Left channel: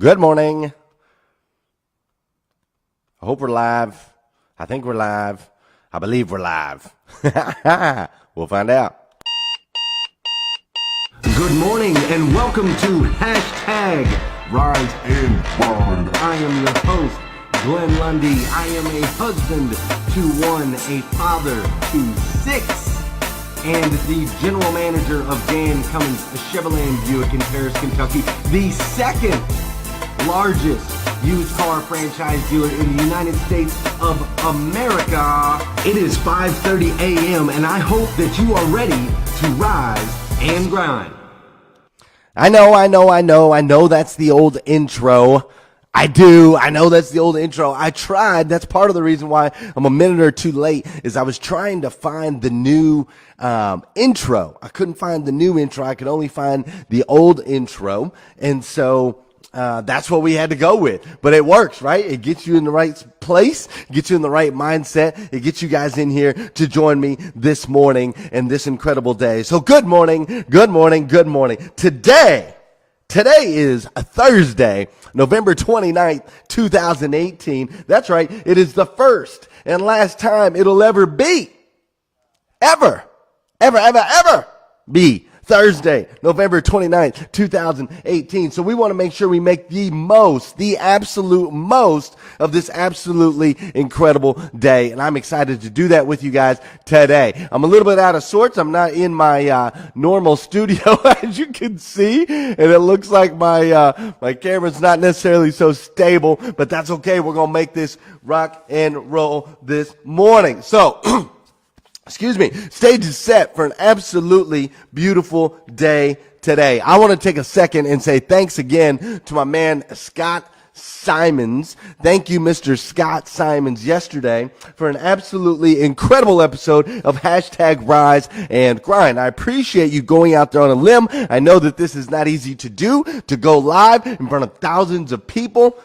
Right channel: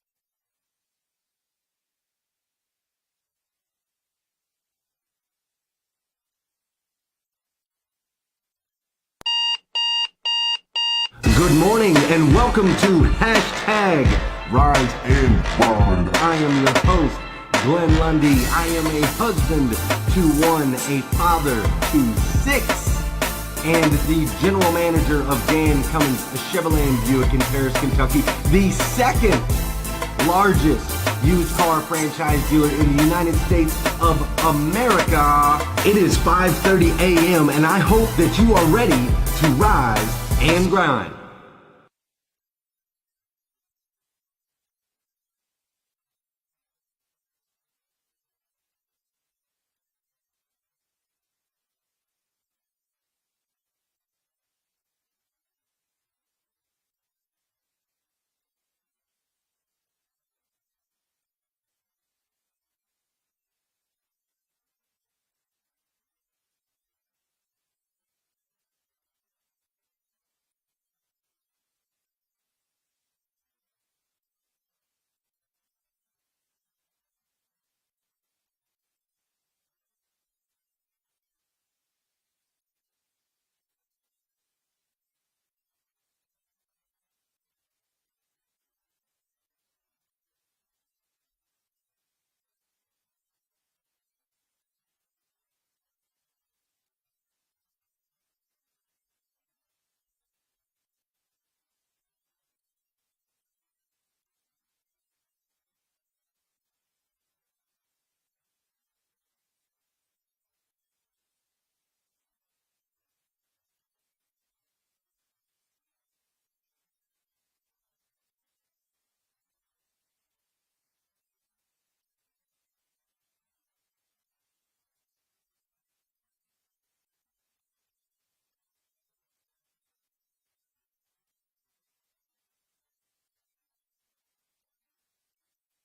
Good morning. I hope we're live. I think we're live. I believe we're live. We'll find out. Good morning and welcome to Hashtag Rise and Grind. I am your host, Glenn Lundy. I am a husband to one, a father to six, and the general manager of Dan Cummins Chevrolet Buick in Paris, Kentucky, the second largest used car franchise dealer in the United States of America. It is 5:30 a.m. and I hope that you are ready to rise and grind. I know that's the old intro. I know that's the old intro. I tried. That's part of the reason why I'm a minute or two late is I was trying to find the new intro. I couldn't find the new intro. I could only find the old intro. And so that's what we had to go with. But it works, right? It gets you in the right place, gets you in the right mindset. It gets you guys in here to join me this morning and this incredible day. So good morning, good morning, good morning. Today is a Thursday, November 29th, 2018. That's right. It is the first and last time it'll ever be, ever be Thursday, November 29th, 2018. So we want to make sure we make the absolute most of this absolutely incredible day. And I'm excited to do that with you guys today. I'm a little bit out of sorts. I'm not in my normal studio, as you can see. And it looks like my camera's not necessarily so stable, but that's okay. We're going to make this rock and roll this morning. So, excuse me, stage is set for an absolutely beautiful day today. I want to take a second and say thanks again to my man, Scott Simons. Thank you, Mr. Scott Simons, yesterday for an absolutely incredible episode of Hashtag Rise and Grind. I appreciate you going out there on a limb. I know that this is not easy to do, to go live in front of thousands of people.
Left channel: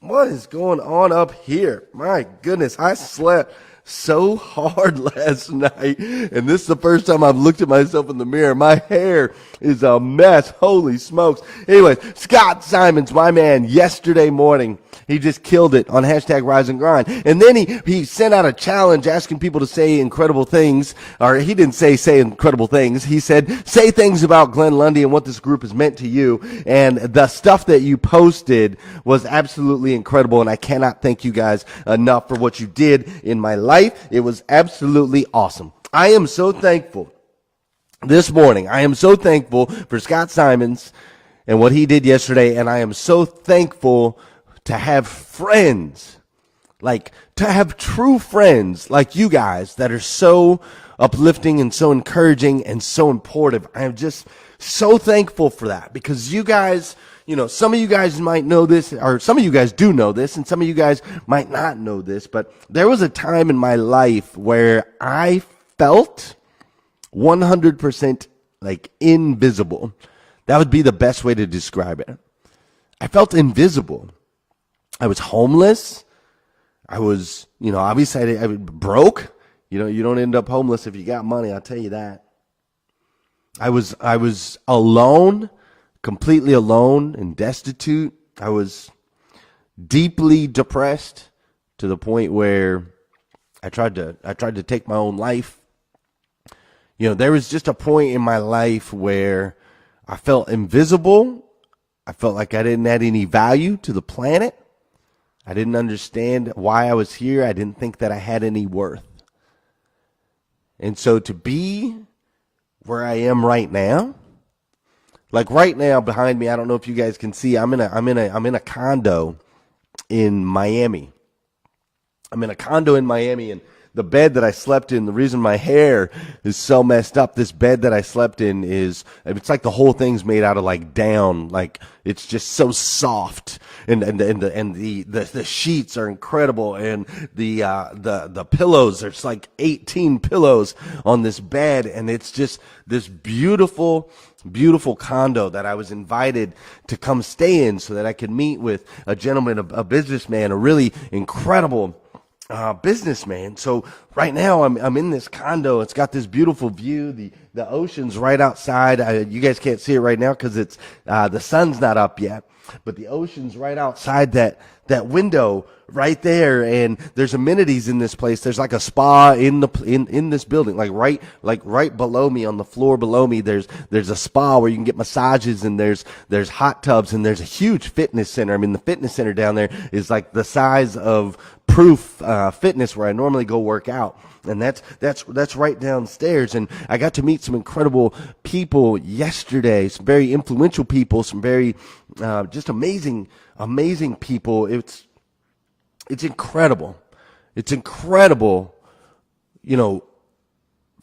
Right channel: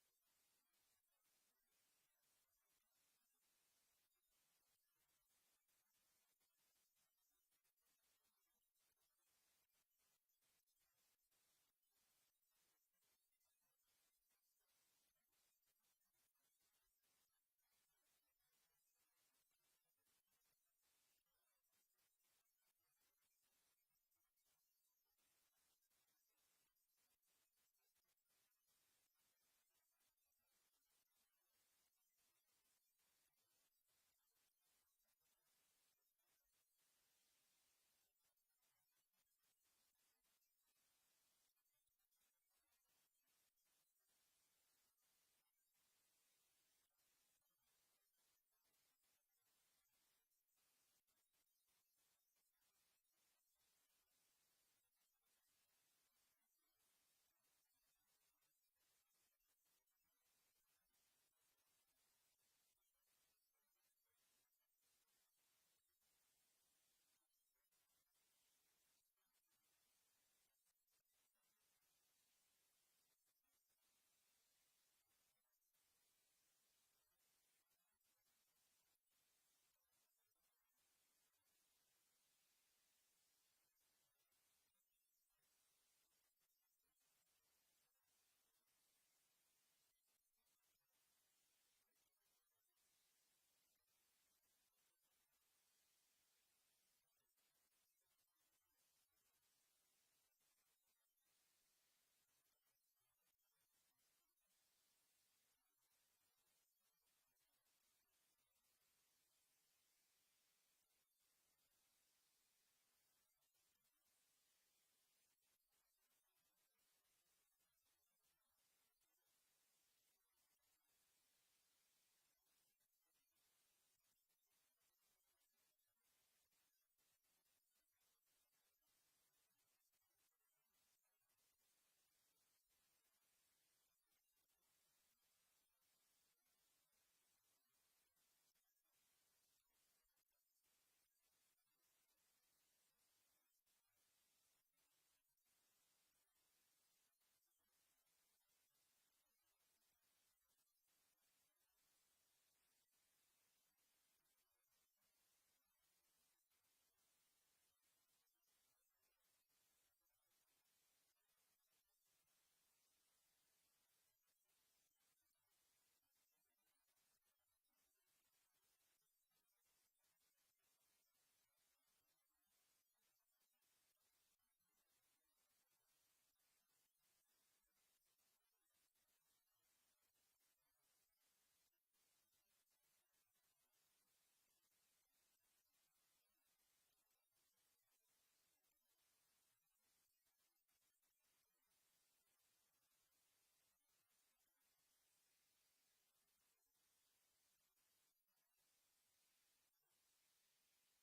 What is going on up here? My goodness, I slept so hard last night, and this is the first time I've looked at myself in the mirror. My hair is a mess. Holy smokes. Anyways, Scott Simons, my man, yesterday morning, he just killed it on Hashtag Rise and Grind. And then he sent out a challenge asking people to say incredible things, or he didn't say incredible things. He said, say things about Glenn Lundy and what this group has meant to you. And the stuff that you posted was absolutely incredible, and I cannot thank you guys enough for what you did in my life. It was absolutely awesome. I am so thankful this morning. I am so thankful for Scott Simons and what he did yesterday, and I am so thankful to have friends, to have true friends like you guys that are so uplifting and so encouraging and so important. I am just so thankful for that because you guys, some of you guys might know this, or some of you guys do know this, and some of you guys might not know this, but there was a time in my life where I felt 100% invisible. That would be the best way to describe it. I felt invisible. I was homeless. I was, obviously I was broke. You don't end up homeless if you got money, I'll tell you that. I was alone, completely alone and destitute. I was deeply depressed to the point where I tried to take my own life. There was just a point in my life where I felt invisible. I felt like I didn't add any value to the planet. I didn't understand why I was here. I didn't think that I had any worth. And so to be where I am right now, right now behind me, I don't know if you guys can see, I'm in a condo in Miami. I'm in a condo in Miami, and the bed that I slept in, the reason my hair is so messed up, this bed that I slept in it's like the whole thing's made out of down, it's just so soft, and the sheets are incredible, and the pillows, there's 18 pillows on this bed, and it's just this beautiful condo that I was invited to come stay in so that I could meet with a gentleman, a businessman, a really incredible businessman. So right now I'm in this condo. It's got this beautiful view. The ocean's right outside. You guys can't see it right now because it's the sun's not up yet. but the ocean's right outside that window right there, and there's amenities in this place. There's like a spa in this building, like right below me, on the floor below me. There's a spa where you can get massages, and there's hot tubs, and there's a huge fitness center. I mean, the fitness center down there is like the size of Proof Fitness, where I normally go work out. And that's right downstairs. And I got to meet some incredible people yesterday, some very influential people, some very just amazing people. It's incredible. It's incredible,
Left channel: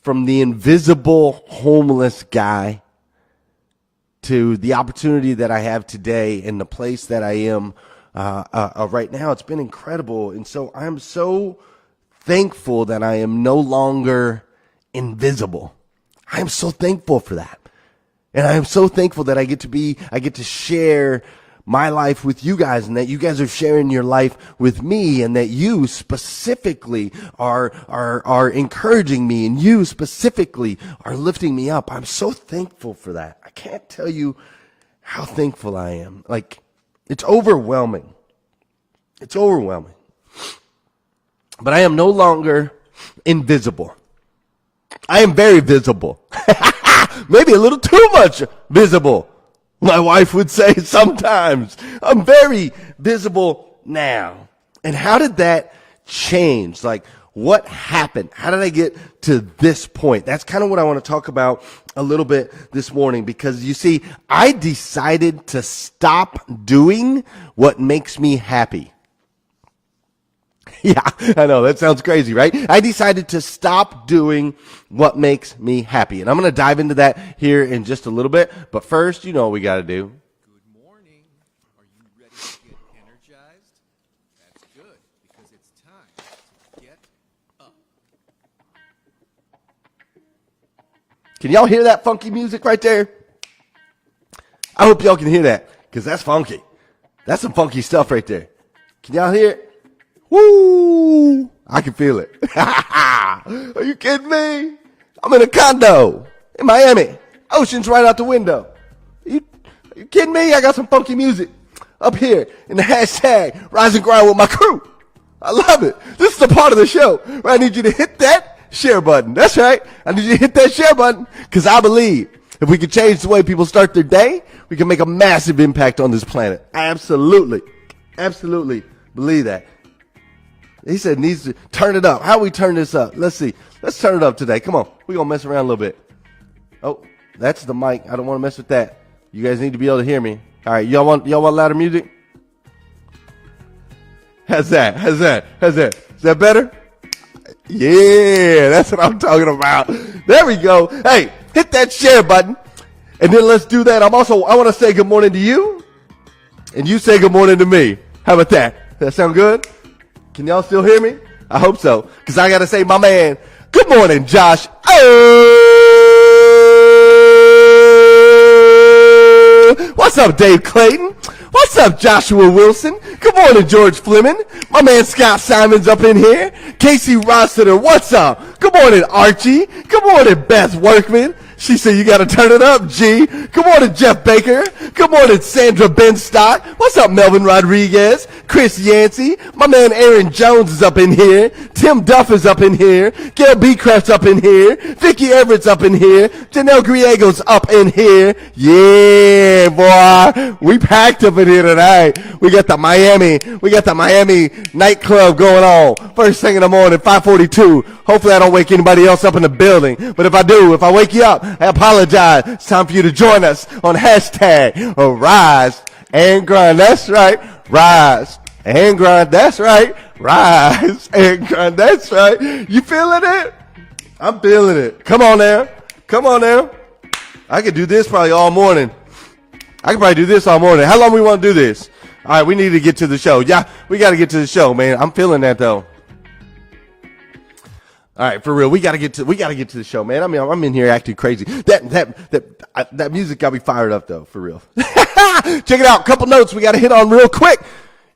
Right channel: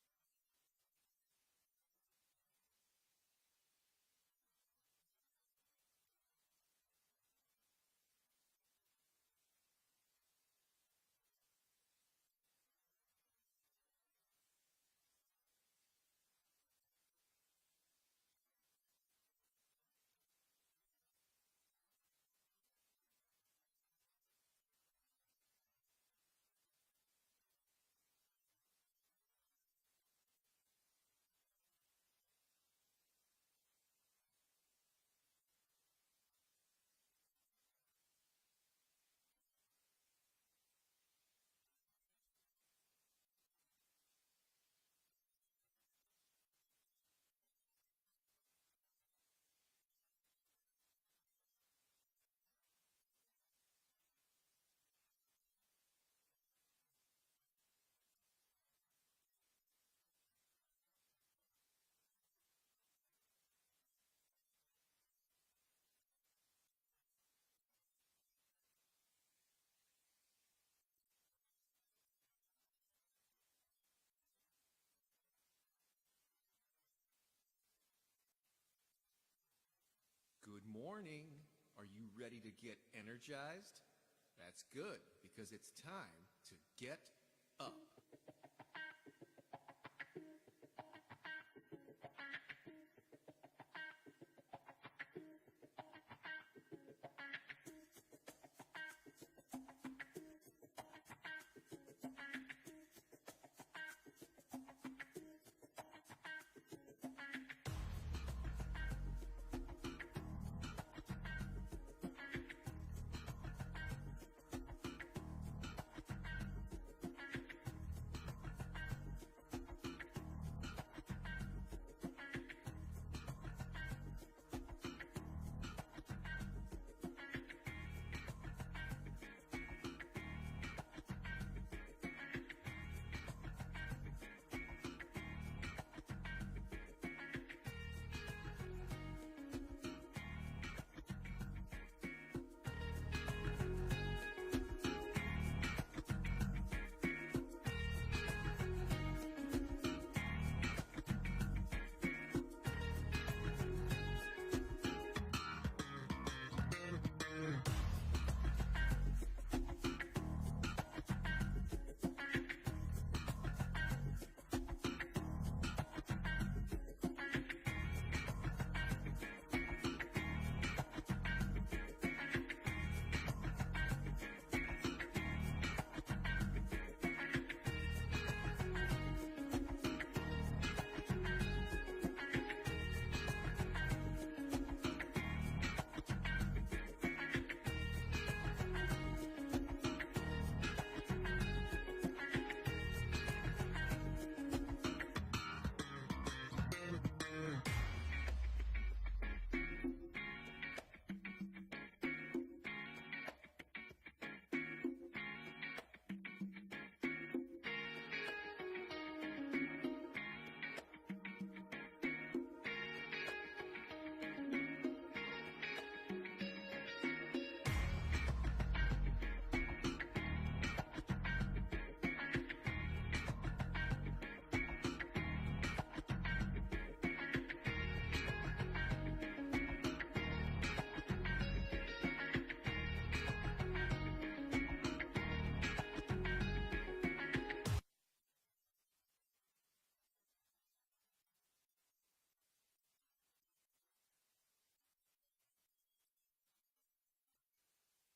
from the invisible homeless guy to the opportunity that I have today and the place that I am right now. It's been incredible. And so I'm so thankful that I am no longer invisible. I am so thankful for that. And I am so thankful that I get to share my life with you guys, and that you guys are sharing your life with me, and that you specifically are encouraging me, and you specifically are lifting me up. I'm so thankful for that. I can't tell you how thankful I am. Like, it's overwhelming. It's overwhelming. But I am no longer invisible. I am very visible. Maybe a little too much visible, my wife would say sometimes. I'm very visible now. And how did that change? Like, what happened? How did I get to this point? That's kind of what I want to talk about a little bit this morning, because you see, I decided to stop doing what makes me happy. Yeah, I know, that sounds crazy, right? I decided to stop doing what makes me happy. And I'm going to dive into that here in just a little bit. But first, you know what we got to do. Good morning. Are you ready to get energized? That's good, because it's time to get up. Can y'all hear that funky music right there? I hope y'all can hear that, because that's funky. That's some funky stuff right there. Can y'all hear it? Woo! I can feel it. Are you kidding me? I'm in a condo in Miami. Ocean's right out the window. Are you kidding me? I got some funky music up here in the hashtag Rise and Grind with my crew. I love it. This is the part of the show where I need you to hit that share button. That's right. I need you to hit that share button, because I believe if we can change the way people start their day, we can make a massive impact on this planet. I absolutely believe that. He said needs to turn it up. How we turn this up? Let's see. Let's turn it up today. Come on. We're going to mess around a little bit. Oh, that's the mic. I don't want to mess with that. You guys need to be able to hear me. All right. Y'all want louder music? How's that? Is that better? Yeah, that's what I'm talking about. There we go. Hey, hit that share button. And then let's do that. I want to say good morning to you. And you say good morning to me. How about that? Does that sound good? Can y'all still hear me? I hope so, because I got to say, my man, good morning, Josh. What's up, Dave Clayton? What's up, Joshua Wilson? Good morning, George Fleming. My man, Scott Simon's up in here. Casey Rossiter, what's up? Good morning, Archie. Good morning, Beth Workman. She said you got to turn it up, G. Good morning, Jeff Baker. Good morning, Sandra Benstock. What's up, Melvin Rodriguez? Chris Yancey. My man Aaron Jones is up in here. Tim Duff is up in here. Gail Beecraft's up in here. Vicky Everett's up in here. Janelle Griego's up in here. Yeah, boy. We packed up in here tonight. We got the Miami nightclub going on. First thing in the morning, 5:42. Hopefully I don't wake anybody else up in the building. But if I wake you up, I apologize. It's time for you to join us on hashtag Rise and Grind. That's right. Rise and Grind. That's right. Rise and Grind. That's right. You feeling it? I'm feeling it. Come on now. I could do this probably all morning. How long we want to do this? All right, we need to get to the show. Yeah, we got to get to the show, man. I'm feeling that, though. All right, for real, we gotta get to the show, man. I mean, I'm in here acting crazy. That music got me fired up, though, for real. Check it out. Couple notes we gotta hit on real quick.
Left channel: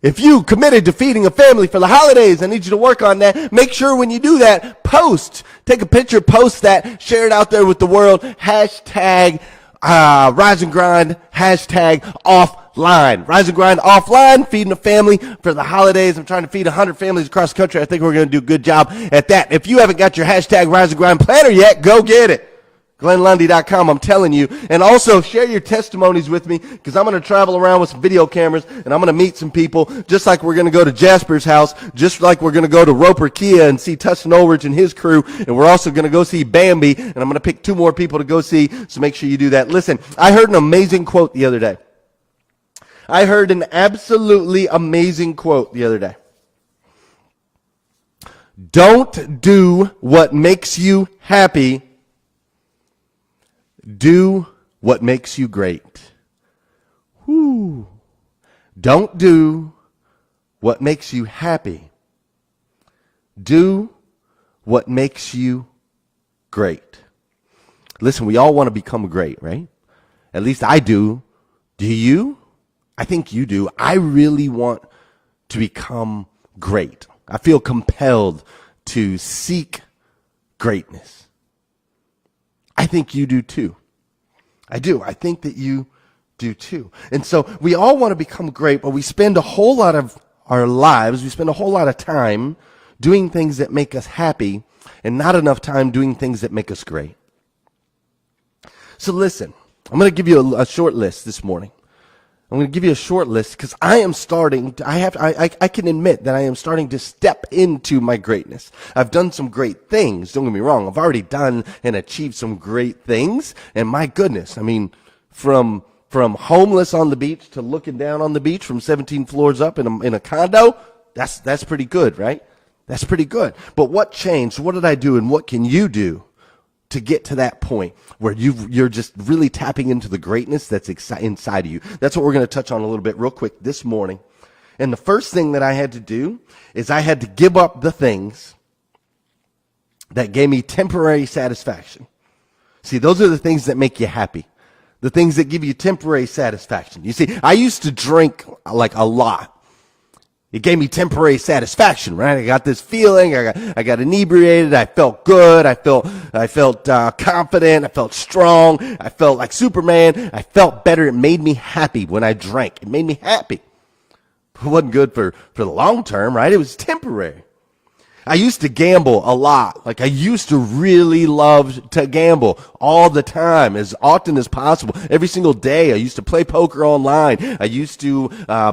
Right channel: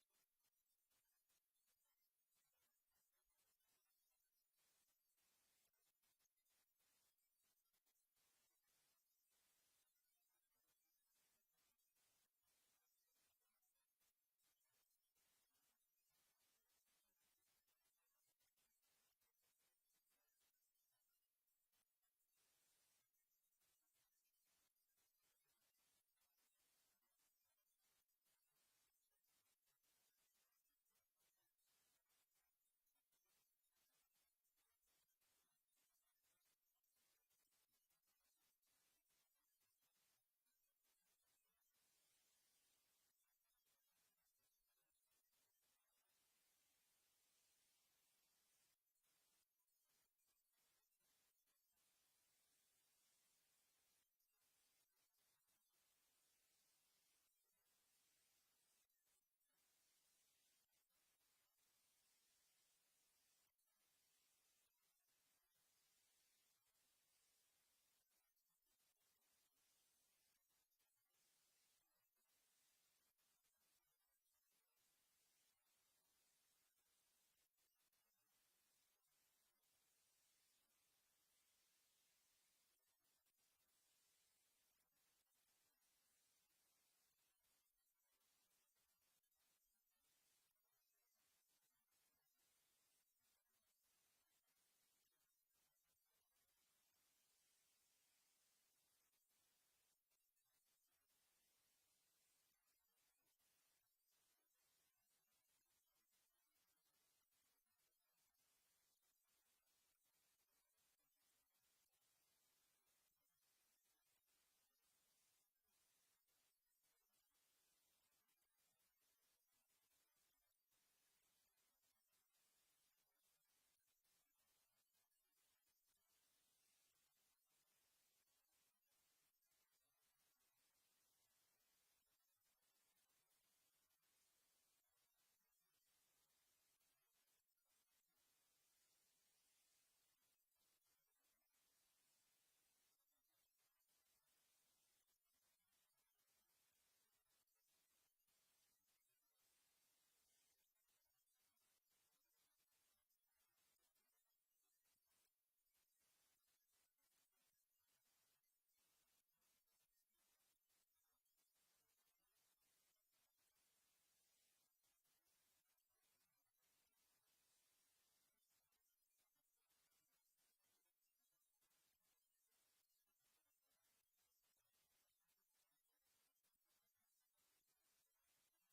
If you committed to feeding a family for the holidays, I need you to work on that. Make sure when you do that, take a picture, post that, share it out there with the world. Hashtag Rise and Grind. Hashtag off offline. Rise and Grind offline, feeding a family for the holidays. I'm trying to feed 100 families across the country. I think we're going to do a good job at that. If you haven't got your hashtag Rise and Grind planner yet, go get it. GlennLundy.com, I'm telling you. And also share your testimonies with me, because I'm going to travel around with some video cameras and I'm going to meet some people, just like we're going to go to Jasper's house, just like we're going to go to Roper Kia and see Tustin Ulrich and his crew. And we're also going to go see Bambi, and I'm going to pick 2 more people to go see, so make sure you do that. Listen, I heard an amazing quote the other day. I heard an absolutely amazing quote the other day. Don't do what makes you happy. Do what makes you great. Whew. Don't do what makes you happy. Do what makes you great. Listen, we all want to become great, right? At least I do. Do you? I think you do. I really want to become great. I feel compelled to seek greatness. I think you do too. I do. I think that you do too. And so we all want to become great, but we spend a whole lot of our lives, we spend a whole lot of time doing things that make us happy and not enough time doing things that make us great. So listen, I'm going to give you a short list this morning. I'm going to give you a short list because I am starting, I can admit that I am starting to step into my greatness. I've done some great things, don't get me wrong. I've already done and achieved some great things. And my goodness, I mean, from homeless on the beach to looking down on the beach from 17 floors up in a condo, that's pretty good, right? That's pretty good. But what changed? What did I do? And what can you do to get to that point where you're just really tapping into the greatness that's inside of you? That's what we're going to touch on a little bit real quick this morning. And the first thing that I had to do is I had to give up the things that gave me temporary satisfaction. See, those are the things that make you happy. The things that give you temporary satisfaction. You see, I used to drink like a lot. It gave me temporary satisfaction, right? I got this feeling. I got inebriated. I felt good. I felt confident. I felt strong. I felt like Superman. I felt better. It made me happy when I drank. It made me happy. It wasn't good for the long term, right? It was temporary. I used to gamble a lot. Like I used to really love to gamble all the time, as often as possible. Every single day, I used to play poker online. I used to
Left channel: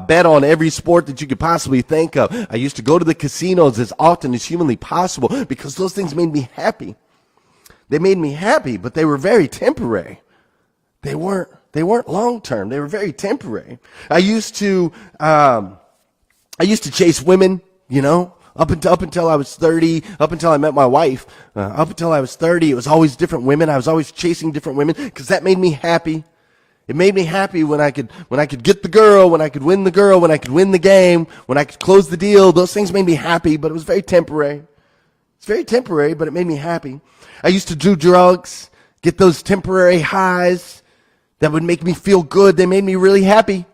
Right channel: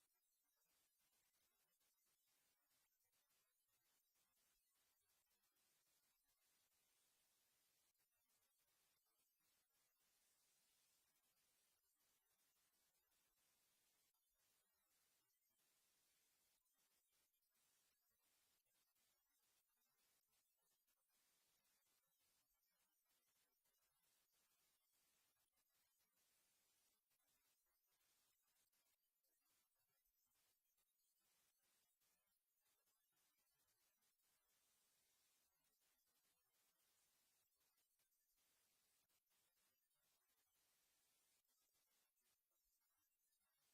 bet on every sport that you could possibly think of. I used to go to the casinos as often as humanly possible because those things made me happy. They made me happy, but they were very temporary. They weren't long term. They were very temporary. I used to chase women, you know. Up until I was 30, up until I met my wife, up until I was 30, it was always different women. I was always chasing different women because that made me happy. It made me happy when I could get the girl, when I could win the girl, when I could win the game, when I could close the deal. Those things made me happy, but it was very temporary. It's very temporary, but it made me happy. I used to do drugs, get those temporary highs that would make me feel good. They made me really happy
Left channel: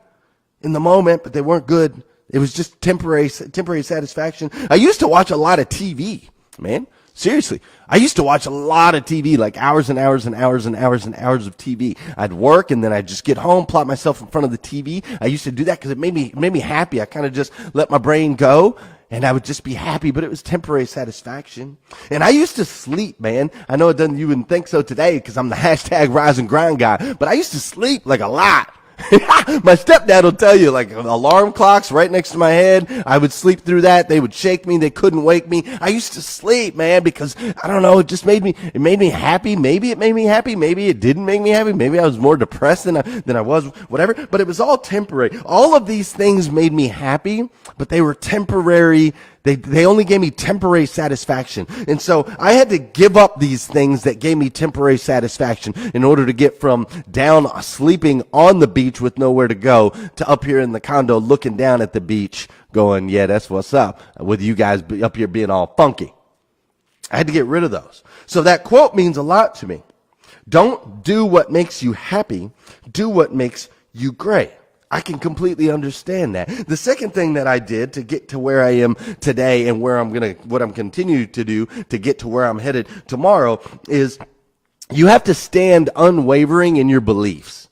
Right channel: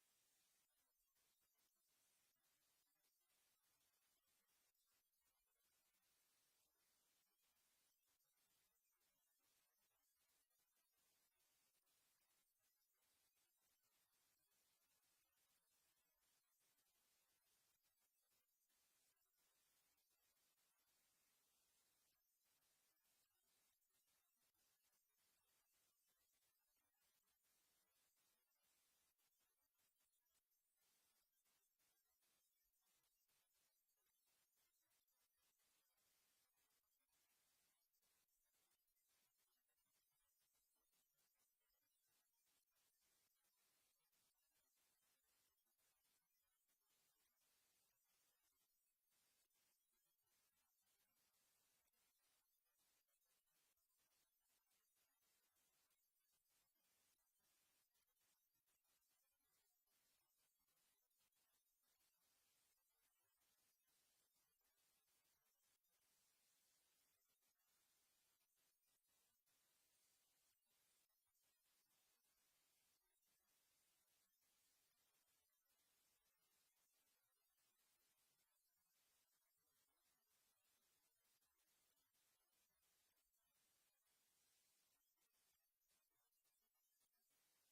in the moment, but they weren't good. It was just temporary satisfaction. I used to watch a lot of TV, man. Seriously. I used to watch a lot of TV, like hours and hours and hours and hours and hours of TV. I'd work and then I'd just get home, plop myself in front of the TV. I used to do that because it made me happy. I kind of just let my brain go and I would just be happy, but it was temporary satisfaction. And I used to sleep, man. I know you wouldn't think so today because I'm the hashtag Rise and Grind guy, but I used to sleep like a lot. My stepdad will tell you, like alarm clocks right next to my head. I would sleep through that. They would shake me. They couldn't wake me. I used to sleep, man, because I don't know. It made me happy. Maybe it made me happy. Maybe it didn't make me happy. Maybe I was more depressed than I was, whatever. But it was all temporary. All of these things made me happy, but they were temporary. They only gave me temporary satisfaction. And so I had to give up these things that gave me temporary satisfaction in order to get from down sleeping on the beach with nowhere to go to up here in the condo looking down at the beach going, yeah, that's what's up, with you guys up here being all funky. I had to get rid of those. So that quote means a lot to me. Don't do what makes you happy. Do what makes you great. I can completely understand that. The second thing that I did to get to where I am today and what I'm continuing to do to get to where I'm headed tomorrow is you have to stand unwavering in your beliefs.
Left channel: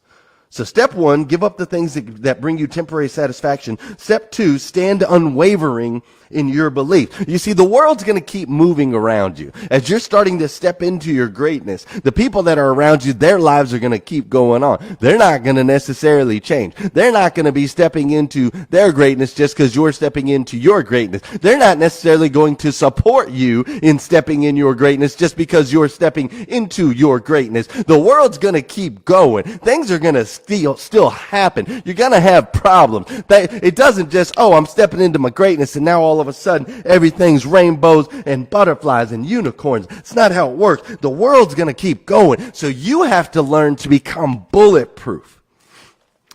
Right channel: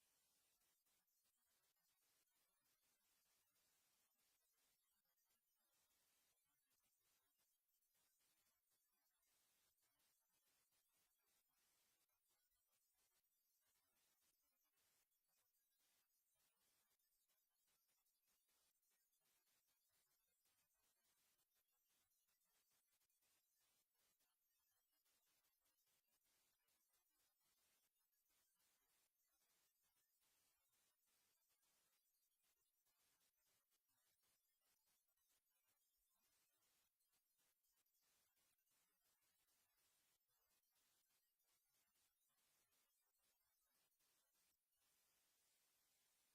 So step 1, give up the things that bring you temporary satisfaction. Step 2, stand unwavering in your belief. You see, the world's going to keep moving around you. As you're starting to step into your greatness, the people that are around you, their lives are going to keep going on. They're not going to necessarily change. They're not going to be stepping into their greatness just because you're stepping into your greatness. They're not necessarily going to support you in stepping in your greatness just because you're stepping into your greatness. The world's going to keep going. Things are going to still happen. You're going to have problems. It doesn't just, oh, I'm stepping into my greatness and now all of a sudden everything's rainbows and butterflies and unicorns. It's not how it works. The world's going to keep going. So you have to learn to become bulletproof.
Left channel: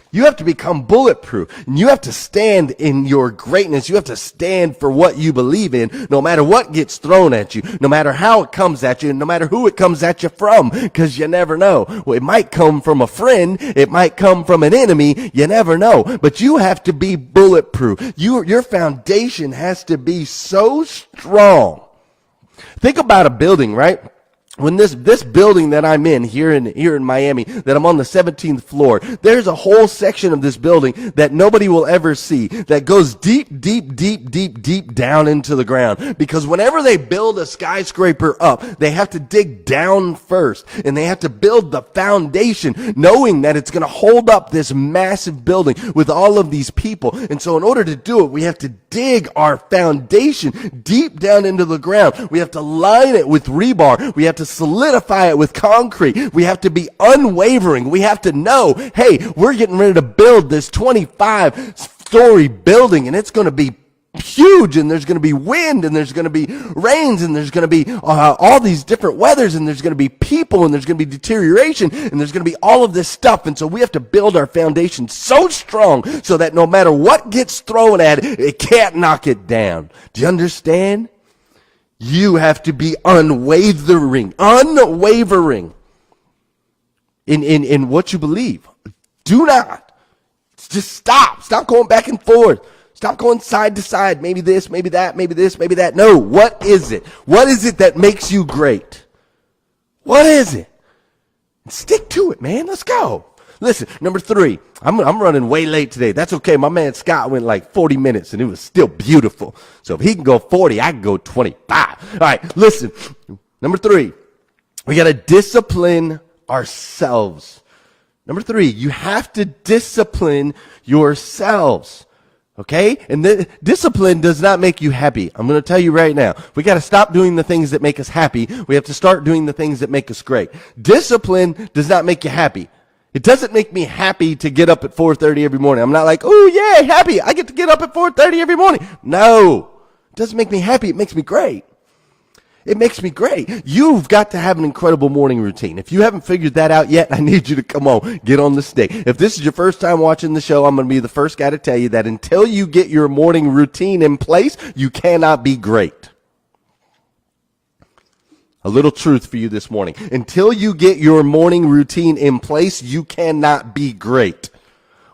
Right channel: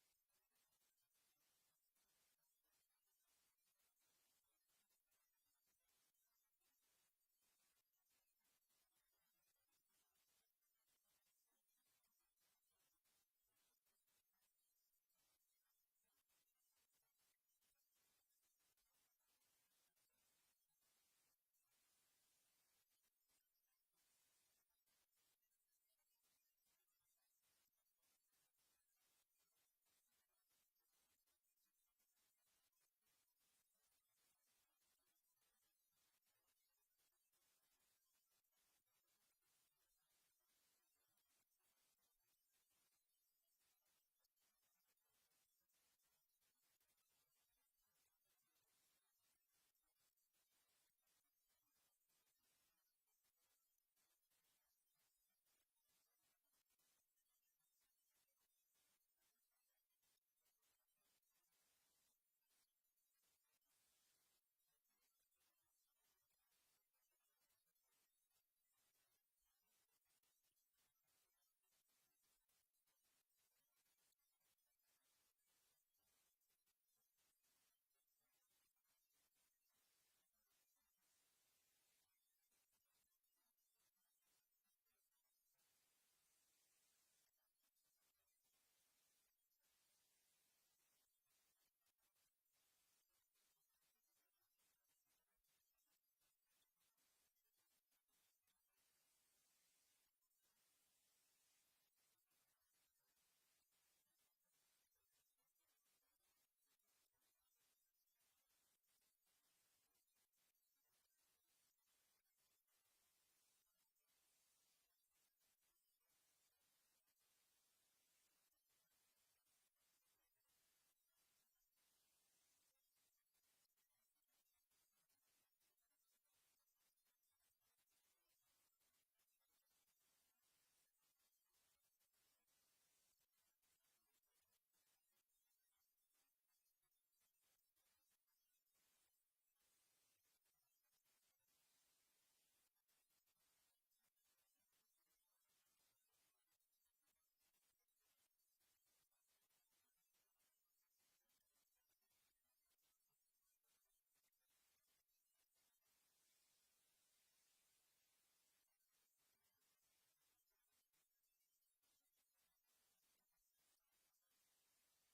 You have to become bulletproof, and you have to stand in your greatness. You have to stand for what you believe in, no matter what gets thrown at you, no matter how it comes at you, and no matter who it comes at you from, because you never know. Well, it might come from a friend. It might come from an enemy. You never know. But you have to be bulletproof. Your foundation has to be so strong. Think about a building, right? When this building that I'm in here in Miami, that I'm on the 17th floor, there's a whole section of this building that nobody will ever see that goes deep down into the ground. Because whenever they build a skyscraper up, they have to dig down first, and they have to build the foundation, knowing that it's going to hold up this massive building with all of these people. And so in order to do it, we have to dig our foundation deep down into the ground. We have to line it with rebar. We have to solidify it with concrete. We have to be unwavering. We have to know, hey, we're getting ready to build this 25-story building, and it's going to be huge, and there's going to be wind, and there's going to be rains, and there's going to be all these different weathers, and there's going to be people, and there's going to be deterioration, and there's going to be all of this stuff. And so we have to build our foundation so strong so that no matter what gets thrown at it, it can't knock it down. Do you understand? You have to be unwavering in what you believe. Do not. Just stop. Stop going back and forth. Stop going side to side. Maybe this, maybe that, maybe this, maybe that. No, what is it? What is it that makes you great? What is it? Stick to it, man. Let's go. Listen, number 3, I'm running way late today. That's okay. My man Scott went like 40 minutes, and it was still beautiful. So if he can go 40, I can go 25. All right, listen. Number 3, we got to discipline ourselves. Number 3, you have to discipline yourselves. Okay? And the discipline does not make you happy. I'm going to tell you right now. We got to stop doing the things that make us happy. We have to start doing the things that make us great. Discipline does not make you happy. It doesn't make me happy to get up at 4:30 every morning. I'm not like, oh, yeah, happy. I get to get up at 4:30 every morning. No. It doesn't make me happy. It makes me great. It makes me great. You've got to have an incredible morning routine. If you haven't figured that out yet, I need you to come on, get on the stick. If this is your first time watching the show, I'm going to be the first guy to tell you that until you get your morning routine in place, you cannot be great. A little truth for you this morning. Until you get your morning routine in place, you cannot be great.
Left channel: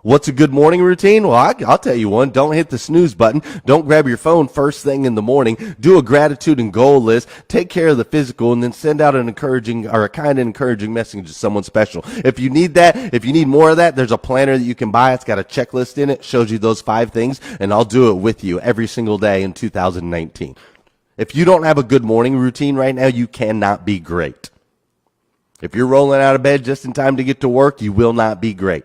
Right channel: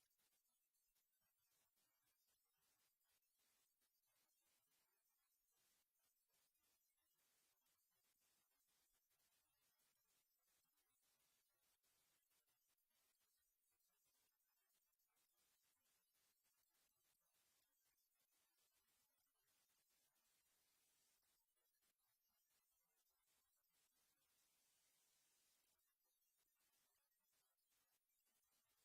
What's a good morning routine? Well, I'll tell you one. Don't hit the snooze button. Don't grab your phone first thing in the morning. Do a gratitude and goal list. Take care of the physical, and then send out an encouraging or a kind of encouraging message to someone special. If you need that, if you need more of that, there's a planner that you can buy. It's got a checklist in it. Shows you those 5 things, and I'll do it with you every single day in 2019. If you don't have a good morning routine right now, you cannot be great. If you're rolling out of bed just in time to get to work, you will not be great.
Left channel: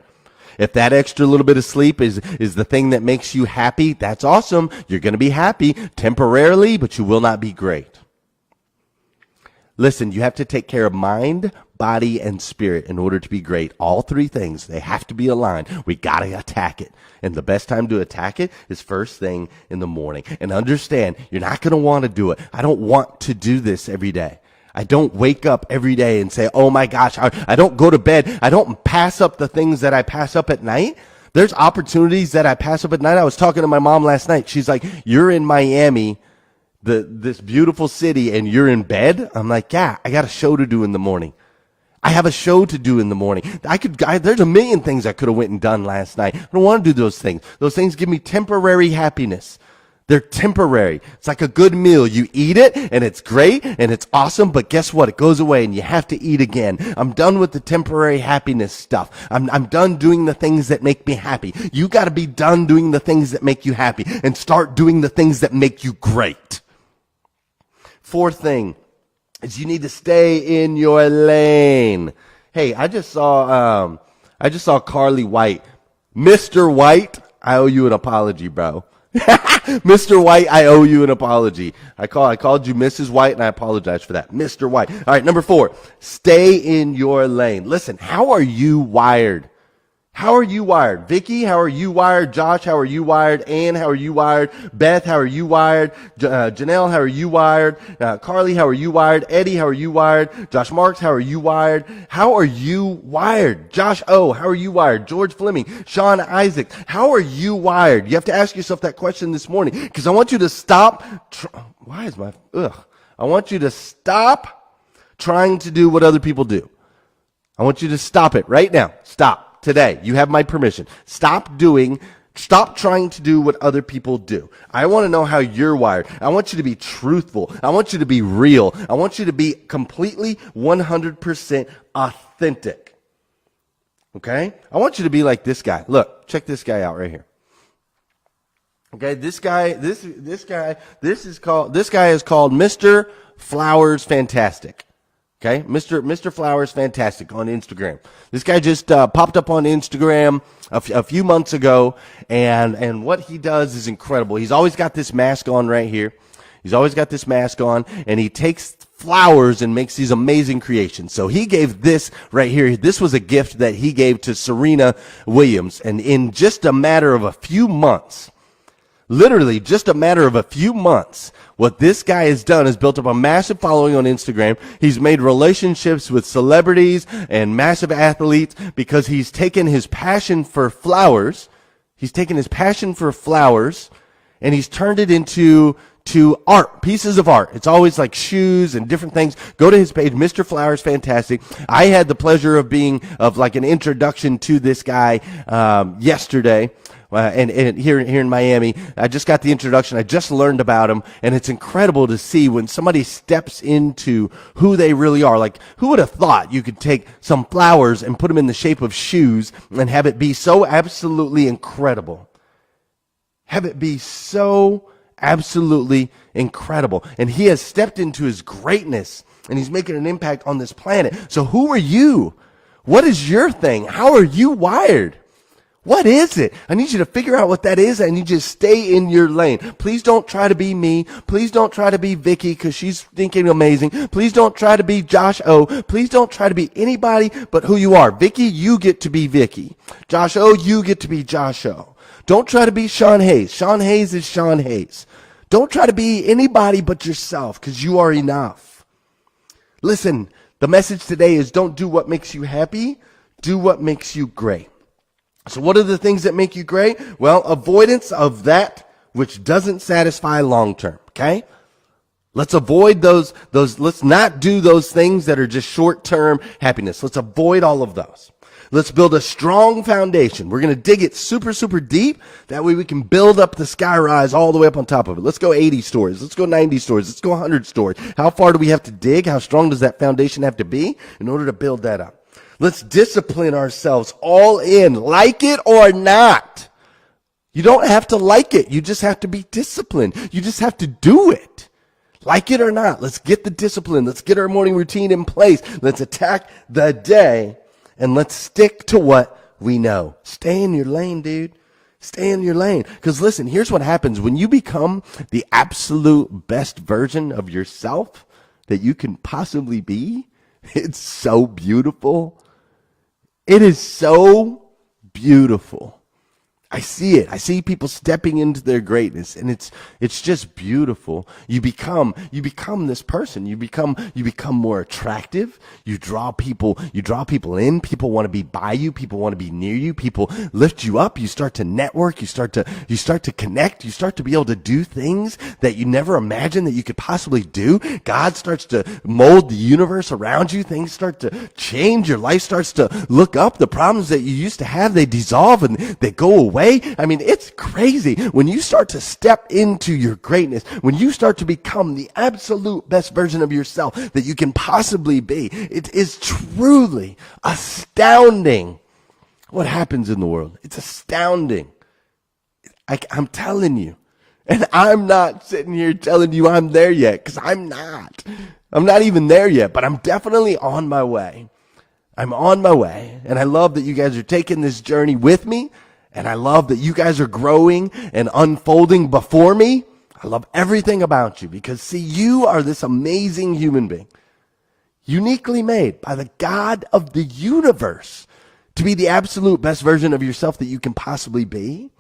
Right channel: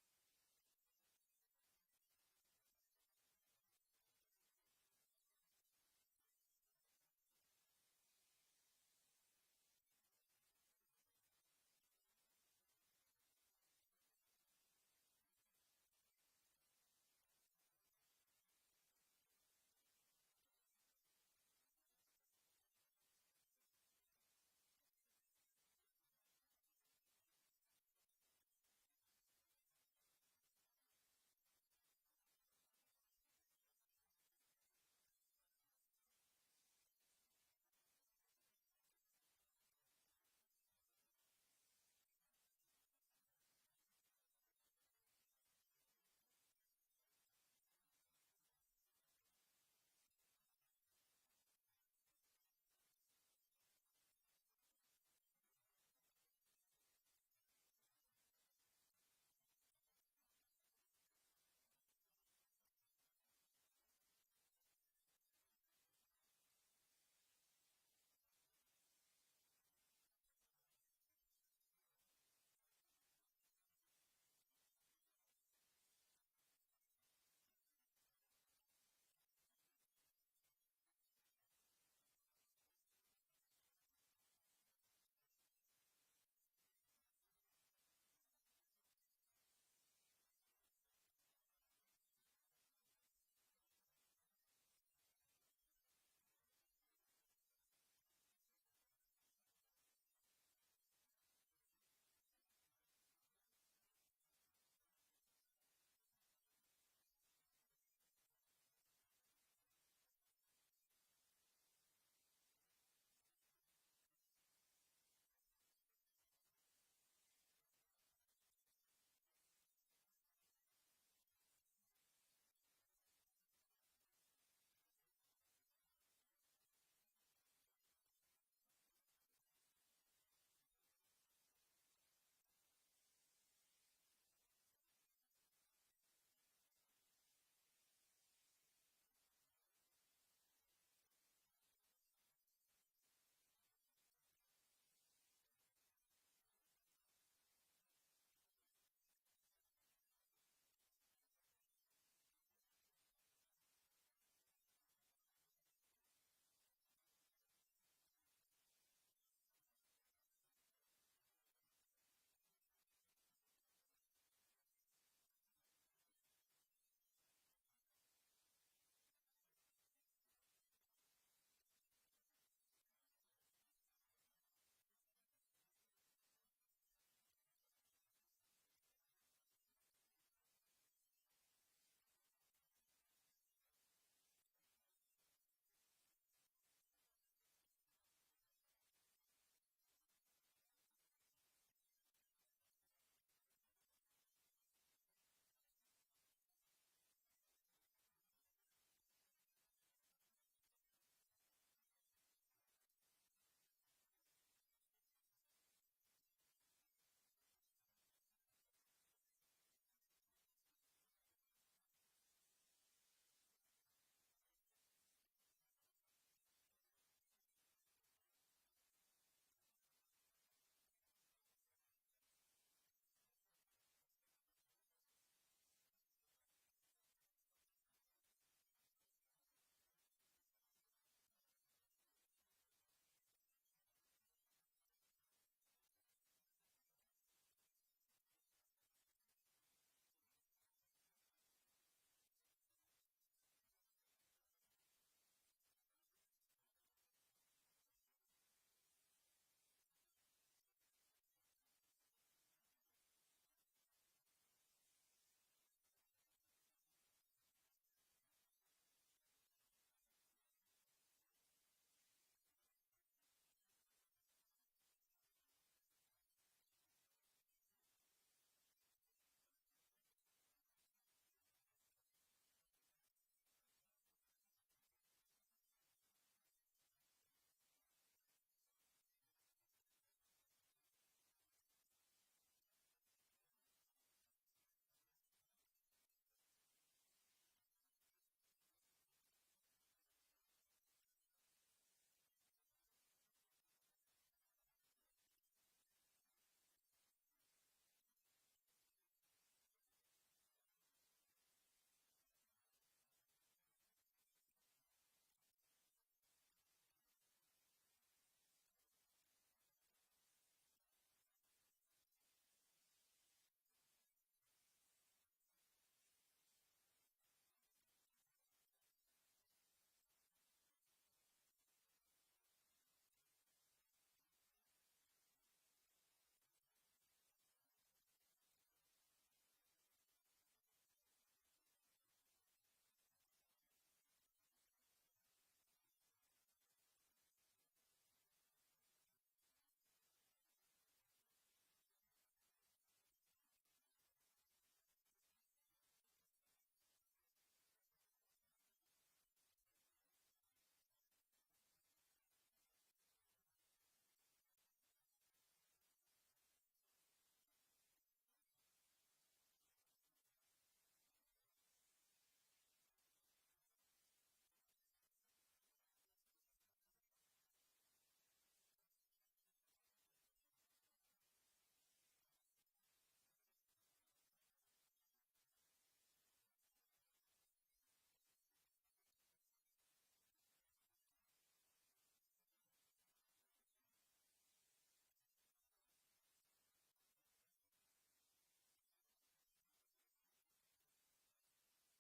If that extra little bit of sleep is the thing that makes you happy, that's awesome. You're going to be happy temporarily, but you will not be great. Listen, you have to take care of mind, body, and spirit in order to be great. All 3 things, they have to be aligned. We got to attack it. And the best time to attack it is first thing in the morning. And understand, you're not going to want to do it. I don't want to do this every day. I don't wake up every day and say, oh my gosh, I don't go to bed. I don't pass up the things that I pass up at night. There's opportunities that I pass up at night. I was talking to my mom last night. She's like, you're in Miami, this beautiful city, and you're in bed? I'm like, yeah, I got a show to do in the morning. I have a show to do in the morning. There's a million things I could have went and done last night. I don't want to do those things. Those things give me temporary happiness. They're temporary. It's like a good meal. You eat it and it's great and it's awesome, but guess what? It goes away and you have to eat again. I'm done with the temporary happiness stuff. I'm done doing the things that make me happy. You got to be done doing the things that make you happy and start doing the things that make you great. Fourth thing is you need to stay in your lane. Hey, I just saw Carly White. Mr. White, I owe you an apology, bro. Mr. White, I owe you an apology. I called you Mrs. White, and I apologize for that. Mr. White. All right, number 4, stay in your lane. Listen, how are you wired? How are you wired? Vicky, how are you wired? Josh, how are you wired? Ann, how are you wired? Beth, how are you wired? Janelle, how are you wired? Carly, how are you wired? Eddie, how are you wired? Josh Marks, how are you wired? How are you wired? Josh O, how are you wired? George Fleming, Sean Isaac, how are you wired? You have to ask yourself that question this morning because I want you to stop. I want you to stop trying to do what other people do. I want you to stop it right now. Stop. Today, you have my permission. Stop trying to do what other people do. I want to know how you're wired. I want you to be truthful. I want you to be real. I want you to be completely 100% authentic. Okay? I want you to be like this guy. Look, check this guy out right here. Okay, this guy is called Mr. Flowers Fantastic. Okay, Mr. Flowers Fantastic on Instagram. This guy just popped up on Instagram a few months ago, and what he does is incredible. He's always got this mask on right here. He's always got this mask on, and he takes flowers and makes these amazing creations. So he gave this right here. This was a gift that he gave to Serena Williams, and in just a matter of a few months, literally just a matter of a few months, what this guy has done is built up a massive following on Instagram. He's made relationships with celebrities and massive athletes because he's taken his passion for flowers. He's taken his passion for flowers and he's turned it into art, pieces of art. It's always like shoes and different things. Go to his page, Mr. Flowers Fantastic. I had the pleasure of like an introduction to this guy yesterday. And here in Miami, I just got the introduction. I just learned about him, and it's incredible to see when somebody steps into who they really are. Like, who would have thought you could take some flowers and put them in the shape of shoes and have it be so absolutely incredible? Have it be so absolutely incredible. And he has stepped into his greatness, and he's making an impact on this planet. So who are you? What is your thing? How are you wired? What is it? I need you to figure out what that is. I need you to stay in your lane. Please don't try to be me. Please don't try to be Vicky because she's thinking amazing. Please don't try to be Josh O. Please don't try to be anybody but who you are. Vicky, you get to be Vicky. Josh O, you get to be Josh O. Don't try to be Sean Hayes. Sean Hayes is Sean Hayes. Don't try to be anybody but yourself because you are enough. Listen, the message today is don't do what makes you happy. Do what makes you great. So what are the things that make you great? Well, avoidance of that which doesn't satisfy long term, okay? Let's avoid those, let's not do those things that are just short-term happiness. Let's avoid all of those. Let's build a strong foundation. We're going to dig it super, super deep. That way we can build up the sky rise all the way up on top of it. Let's go 80 stories. Let's go 90 stories. Let's go 100 stories. How far do we have to dig? How strong does that foundation have to be in order to build that up? Let's discipline ourselves all in, like it or not. You don't have to like it. You just have to be disciplined. You just have to do it. Like it or not, let's get the discipline. Let's get our morning routine in place. Let's attack the day, and let's stick to what we know. Stay in your lane, dude. Stay in your lane. Because listen, here's what happens. When you become the absolute best version of yourself that you can possibly be, it's so beautiful. It is so beautiful. I see it. I see people stepping into their greatness, and it's just beautiful. You become this person. You become more attractive. You draw people in. People want to be by you. People want to be near you. People lift you up. You start to network. You start to connect. You start to be able to do things that you never imagined that you could possibly do. God starts to mold the universe around you. Things start to change. Your life starts to look up. The problems that you used to have, they dissolve and they go away. way. I mean, it's crazy. When you start to step into your greatness, when you start to become the absolute best version of yourself that you can possibly be, it is truly astounding what happens in the world. It's astounding. I'm telling you. And I'm not sitting here telling you I'm there yet, because I'm not. I'm not even there yet, but I'm definitely on my way. I'm on my way, and I love that you guys are taking this journey with me, and I love that you guys are growing and unfolding before me. I love everything about you, because, see, you are this amazing human being, uniquely made by the God of the universe to be the absolute best version of yourself that you can possibly be.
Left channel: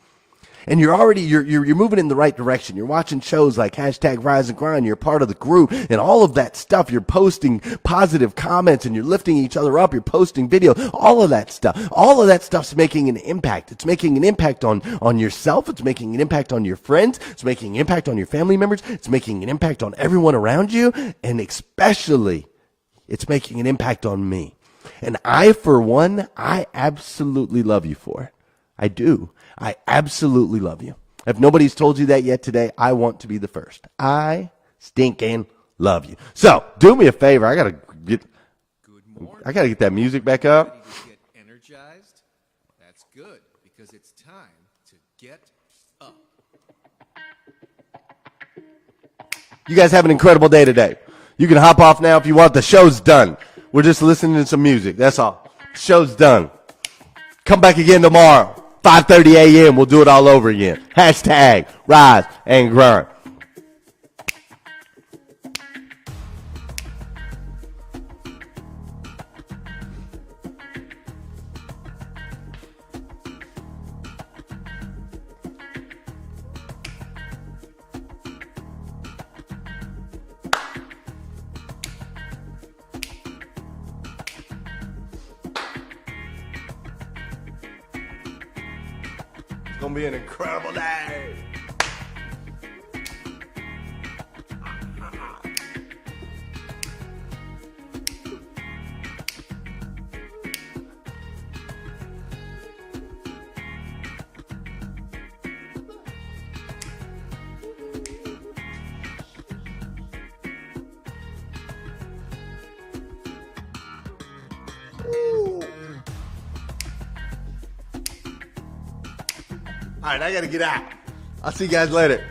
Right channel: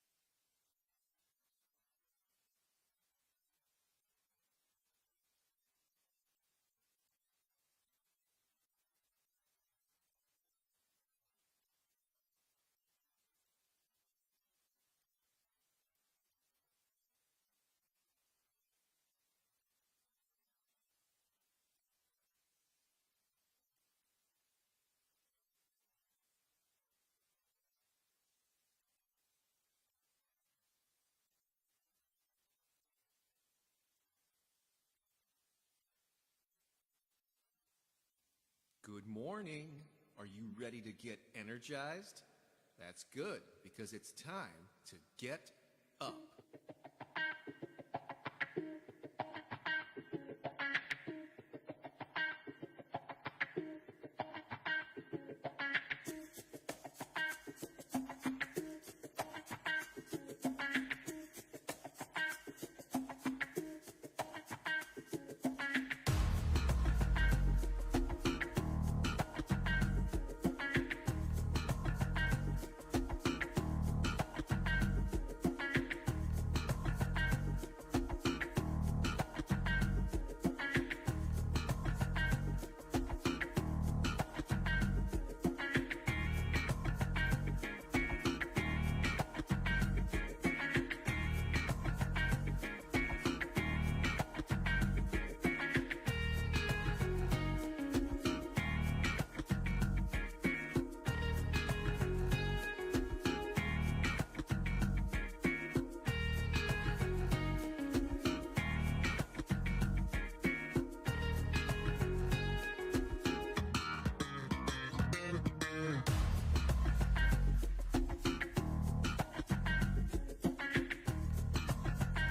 And you're moving in the right direction. You're watching shows like #Rise and Grind. You're part of the group and all of that stuff. You're posting positive comments and you're lifting each other up. You're posting video, all of that stuff. All of that stuff's making an impact. It's making an impact on yourself. It's making an impact on your friends. It's making an impact on your family members. It's making an impact on everyone around you. And especially, it's making an impact on me. And I, for one, I absolutely love you for it. I do. I absolutely love you. If nobody's told you that yet today, I want to be the first. I stinking love you. So do me a favor. I gotta get that music back up. Ready to get energized? That's good, because it's time to get up. You guys have an incredible day today. You can hop off now if you want. The show's done. We're just listening to some music. That's all. Show's done. Come back again tomorrow. 5:30 a.m. We'll do it all over again. #Rise and Grind. It's going to be an incredible day. All right, I got to get out. I'll see you guys later.